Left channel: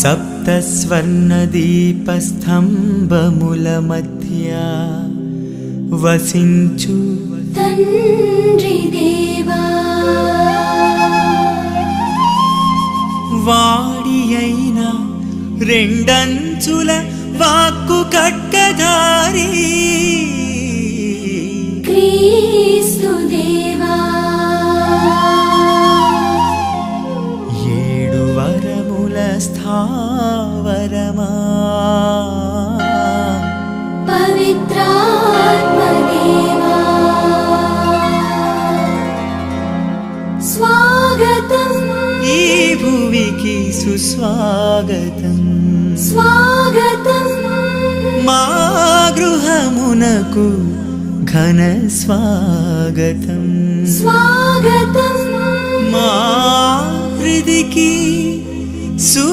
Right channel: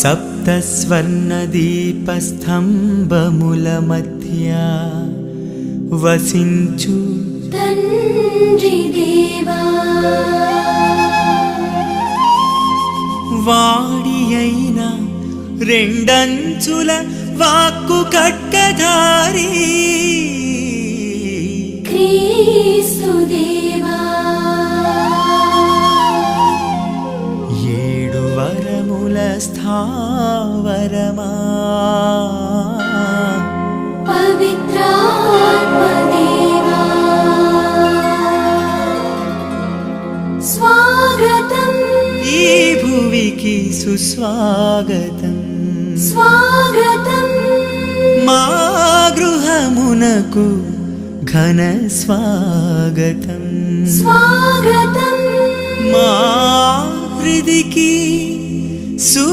సప్తస్వర్ణదీపస్తంభముల మధ్య వసించు తండ్రి దేవా, వాడి అయిన రెండంచుల వాక్కు ఖడ్గధారి క్రీస్తు దేవా, ఏడు వరముల స్థావరమా పవిత్రాత్మ దేవా, స్వాగతం ఈ భువికి సుస్వాగతం, స్వాగతం మా గృహమునకు ఘన స్వాగతం, స్వాగతం మా హృదికి సుమ